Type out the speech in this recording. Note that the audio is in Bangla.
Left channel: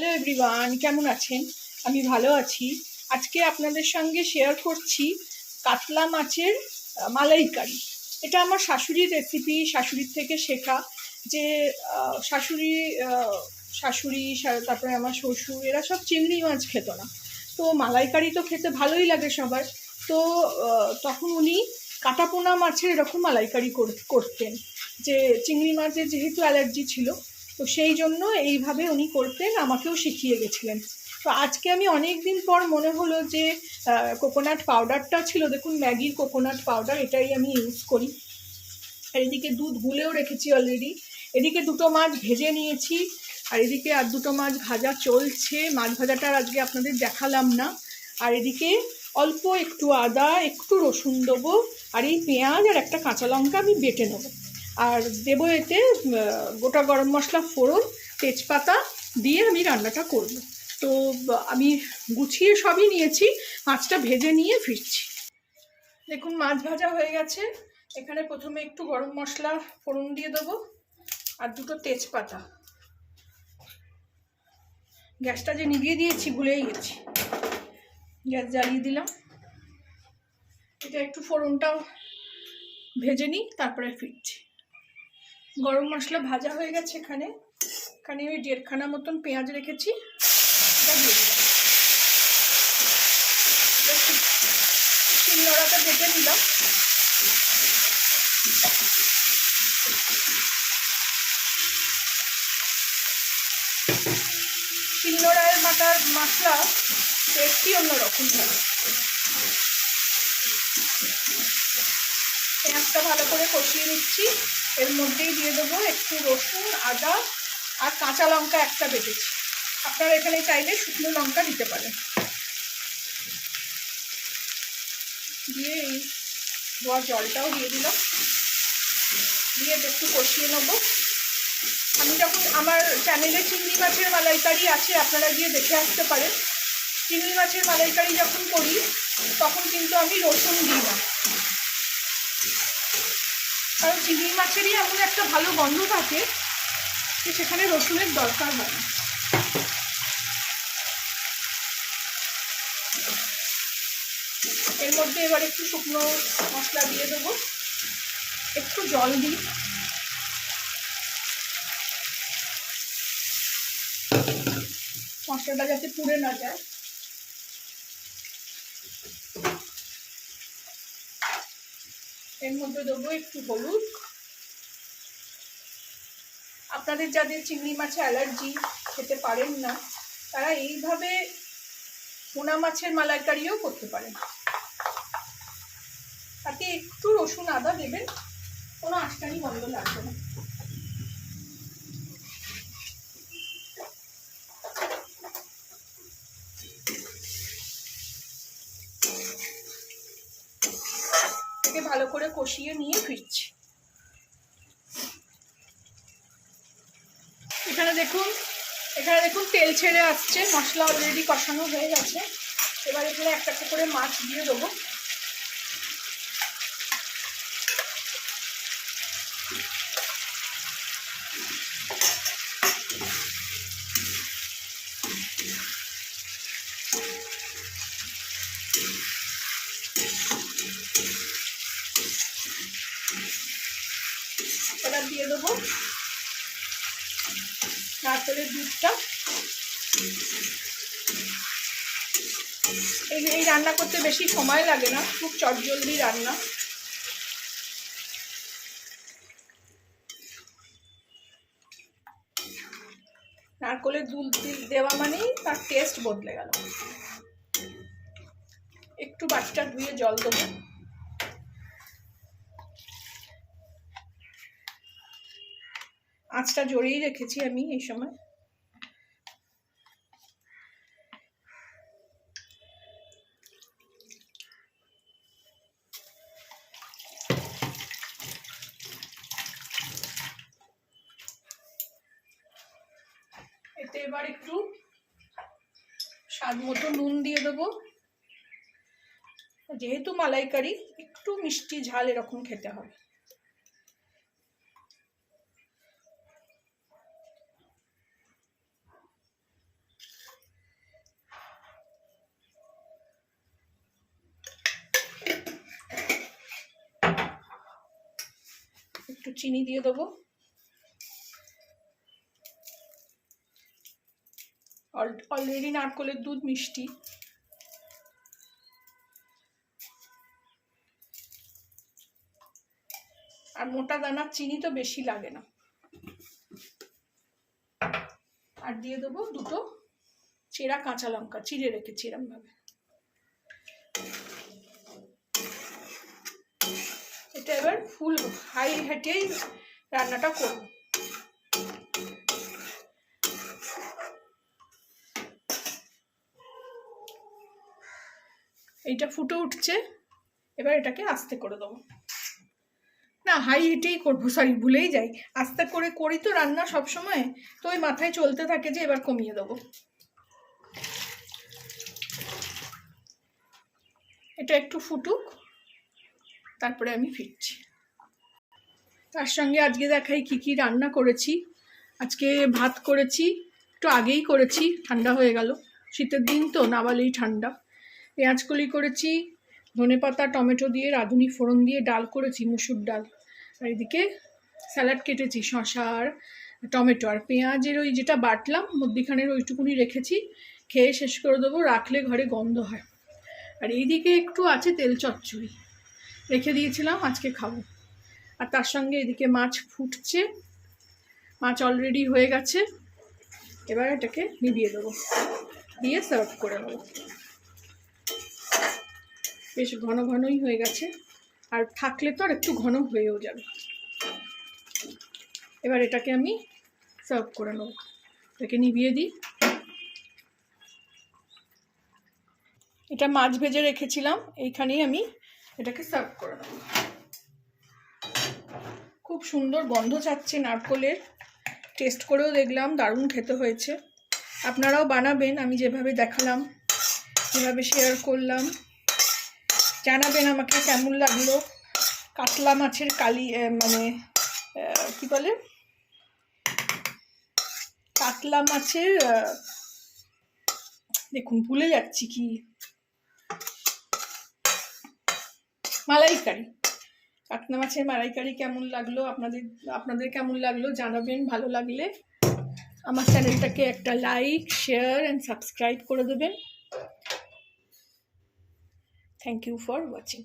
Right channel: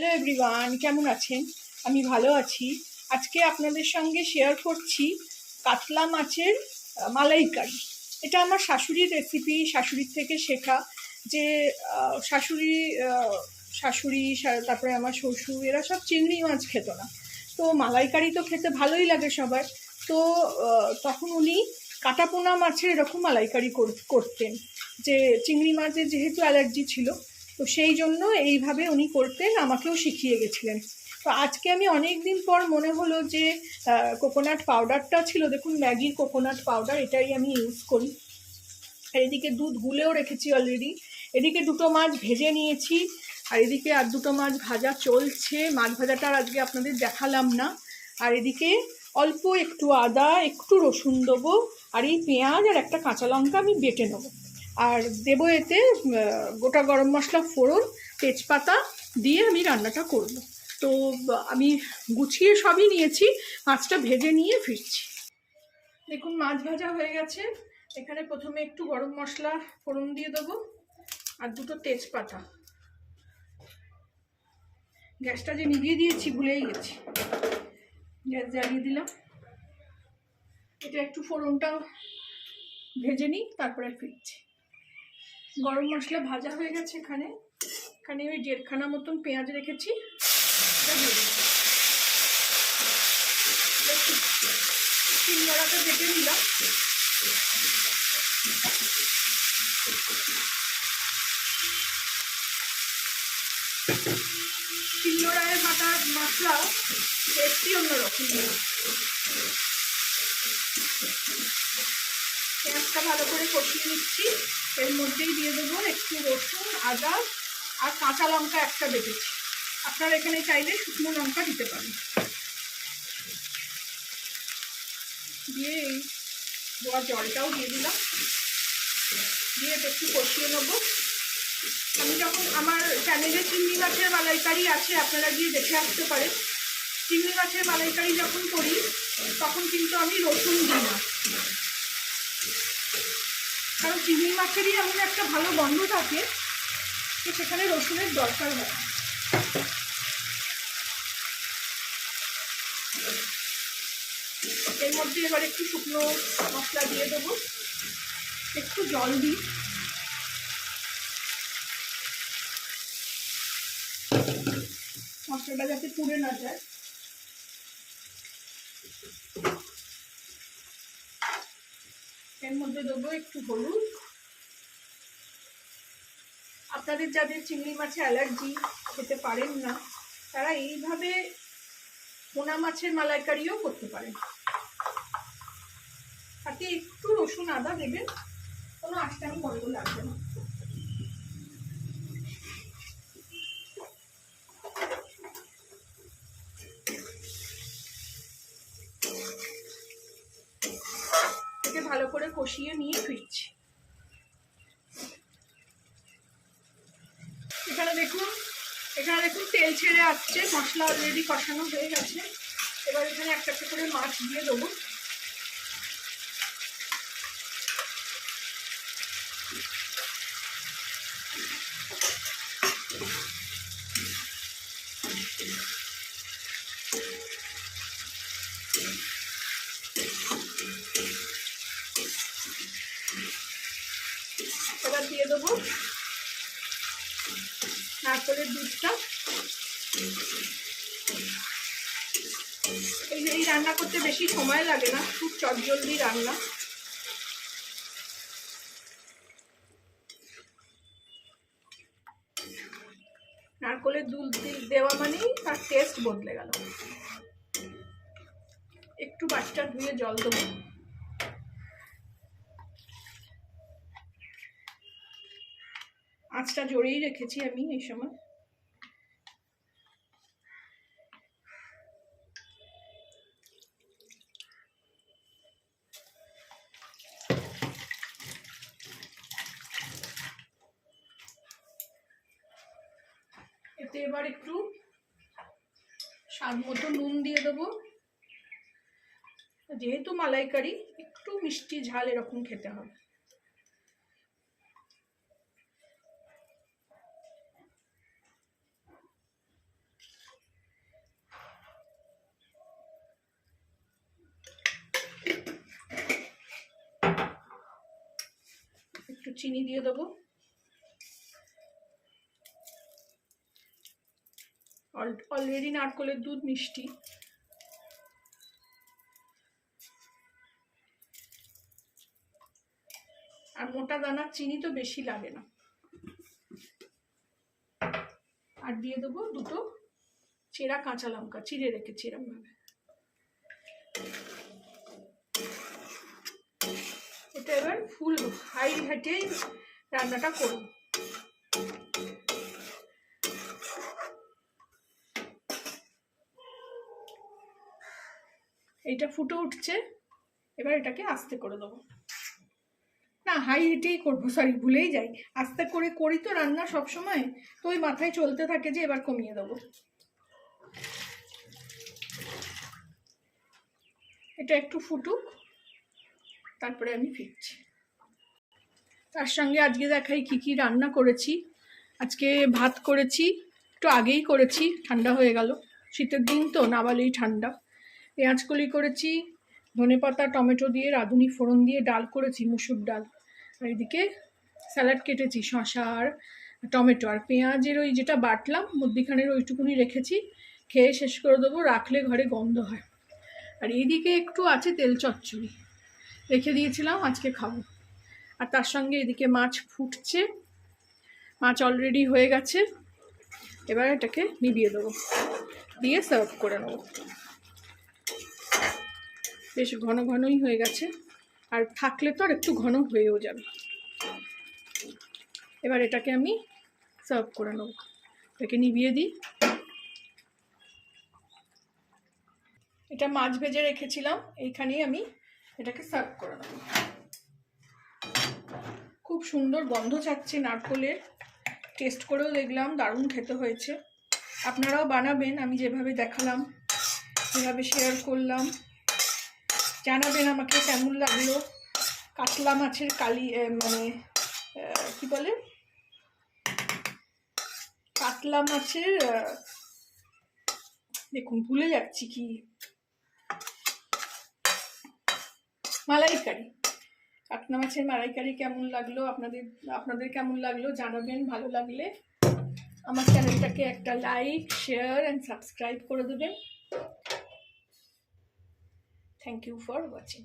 হ্যালো এভরিওয়ান, কেমন আছেন? আমি ভালো আছি। আজকে আপনাদের সঙ্গে শেয়ার করছি কাতলা মাছের মালাইকারি। এটা আমার শাশুড়ির রেসিপি, শাশুড়ির থেকে শেখা। যে শাশুড়ি শাশুড়ি তারপরে আমার শ্বশুর এরা সব চিংড়ি মাছ খেত না। তো মালাইকারি তো খেতে ভালোই লাগে সবার। তো তখন উনি কাটাপোনা মাছের এরকম মালাইকারি করতেন। যে চিংড়ি মাছের যেহেতু অ্যালার্জি ছিল, তো সেই জন্য এইভাবে উনি করতেন, আমাকেও শিখিয়ে গেছিলেন। তো আজকে আমি অনেক দিন পর মনে হলো যে কোকোনাট পাউডারটা ছিল, দেখুন ম্যাগির কোকোনাট পাউডার, এটাই আমি ইউজ করি। আর এদিকে দুধ গুলেও রেখেছি অলরেডি। এদিকে দুটো মাছ ভেজে নিয়েছি, আর এদিকে আর দুটো মাছ ভাজা চলছে। মাছ ভাজাটা আজকে আপনাদের দেখালাম না। আর এদিকে অল্প একটু আদা, একটু রসুন দেবো, আর এই পেঁয়াজ আর একটা কাঁচা লঙ্কা আমি বেটে নেবো। আর দেবো এতে গোটা গরম মশলা ফোড়ন, তেজপাতা দিয়ে আমি রান্নাটা করব। তো আমি গুছিয়ে সবই নিয়েছি, মাছটা ভেজে নিয়ে ফিরছি। দেখুন মাছ ভাজা হয়ে গেছে। এখানে প্রথমে একটু গরম মশলা ফোড়ন দিয়ে দেবো আর দুটো তেজপাতা। গ্যাসটা যে নিভিয়ে দিয়েছি ভুলেই গেছি, গ্যাস জ্বালিয়ে দিলাম। এটা একটু ফোড়নটাও ভেজে নিই, তারপরে ফিরছি। গরম মশলা ভাজা হয়ে গেছে। এখানে আমি 1.5 খানা মতন পেঁয়াজ রেখেছি। শিলনোড়াটা বেটে নিলাম। শিলনোড়ায় বাটার মশলা টেস্টই অন্যরকম। পেঁয়াজটা ভালো করে কষিয়ে নিচ্ছি। এর মধ্যেই দিয়ে দেবো একটু রসুন, আদা আর কাঁচা লঙ্কা একটা বেটেছি। আপনারা এখানে চাইলে শুকনো লঙ্কা দিতে পারেন। দিয়ে এই ধোয়া জলটাও দিয়ে দিলাম, দিয়ে একটু কষিয়ে নেবো। আমি যখন আমার চ্যানেলে চিংড়ি মাছের মালাইকারি আছে, আপনারা গিয়ে দেখে আসতে পারেন। চিংড়ি মাছের মালাইকারি যখন করি তখন কিন্তু আমি রসুন দিই না, কারণ চিংড়ি মাছেরই এমন একটা ভালো গন্ধ থাকে যে সেখানে রসুনের দরকার হয় না। এর মধ্যে এবার একটু শুকনো মশলা দিয়ে দেবো, একটু জল দিই। মশলাটা যাতে পুড়ে না যায়। এর মধ্যে দেবো একটু হলুদ। আপনাদের যাদের চিংড়ি মাছে অ্যালার্জি, খেতে পারেন না, তারা এইভাবে পোনা মাছের মালাইকারিও করতে পারেন। তাতে একটু রসুন আদা দেবেন, কোনো আঁশটানি গন্ধ লাগবে না। এটাকে ভালো করে কষিয়ে নিয়ে ফিরছি। এখানে দেখুন তেল ছেড়ে আসছে, মশলা অলরেডি কষানো হয়ে গেছে। এবার এখানে একটা একটা করে মাছ দিয়ে দেবো। এবার দিয়ে দেবো নারকেলের দুধটা। এই রান্না করতে বেশি সময় লাগে না, খুব চটজলদি রান্না। নারকেলের দুধ দেওয়া মানেই তার টেস্ট বদলে গেল। একটু বাটিটা ধুয়ে জল দেবো। আঁচটা জড়িয়ে রেখেছি আমি এই সময়। এতে এবার একটু স্বাদ মতো নুন দিয়ে দেবো। যেহেতু মালাইকারি, একটু মিষ্টি ঝাল এরকম খেতে হবে। চিনি দিয়ে দেবো। অলরেডি নারকেলের দুধ মিষ্টি। আর মোটা দানার চিনি তো বেশি লাগে না। আর দিয়ে দেবো দুটো চেরা কাঁচা লঙ্কা, চিড়ে রেখেছি এরম ভাবে। এটা এবার ফুল হাই হিটে রান্নাটা করব। এইটা ফুটে উঠছে, এবার এটাকে আস্তে করে দেবো। না, হাই হিটেই করবো, সরি ভুলেই যাই, আস্তে করে করি তো রান্না সব সময়, তো ওই মাথায় চলতে থাকে যে এবার কমিয়ে দেবো। এটা একটু ফুটুক, তারপরে আমি ফিরছি। তার সঙ্গে আজকে দেখাই কি কি রান্না করেছি। আজকে ভাত করেছি, একটু আগেই করেছি, ঠান্ডা হয়ে গেল, শীতের দিন তো না বলেই ঠান্ডা। পেঁয়াজ কলি করেছি, ধনেপাতা টমেটো দিয়ে রাঁধুনি ফোড়ন দিয়ে ডাল করেছি, মুসুর ডাল। আর এদিকে স্যালাড কেটেছি, শসা আর টমেটো আর পেঁয়াজের ওই যেটা বাটলাম মধ্যিখানের ওইটুকুনি রেখেছি, খেয়ে শেষ করে দেবো, রাখলে ঘরে গন্ধ হয়। আর এইদিকে একটু আছে তেল চচ্চড়ি রেখে দিয়েছিলাম, আজকে খাবো। আর তার সঙ্গে এদিকে মাছ ফুটছে, মাছ অলরেডি হয়ে গেছে। এবার এটাকে নিভিয়ে দেবো, দিয়ে সার্ভ করে নেবো। বেশ ঘন ঘনই হয়ে গেছে, আর থাকলে তো আর একটু ঘন হয়েও যাবে। এবার এটাকে আমি সার্ভ করে নেবো, এটাকে নিভিয়ে দিই। এটা মাছ ভেজে রেখেছিলাম, এইখানেই আমি এটাকে সার্ভ করে নেব। খুব সুন্দর গন্ধ ছাড়ছে নারকেলের, টেস্ট করেও দেখলাম দারুণ খেতে হয়েছে। আপনারাও বানাবেন, আমি যেভাবে দেখালাম যেভাবে শেয়ার করলাম। জানাবেন আমাকে কেমন লাগলো। কাতলা মাছের কালি মানে কি বলে, কাতলা মাছের দেখুন ভুলে যাচ্ছি কি, মালাইকারি, কাতলা মাছের মালাইকারি কেমন লাগলো আপনাদের কেমন লাগলো জানাবেন। ভালো লাগলে আমার চ্যানেলটাকে একটা লাইক, শেয়ার অ্যান্ড সাবস্ক্রাইব করে দেবেন। Thank you for watching.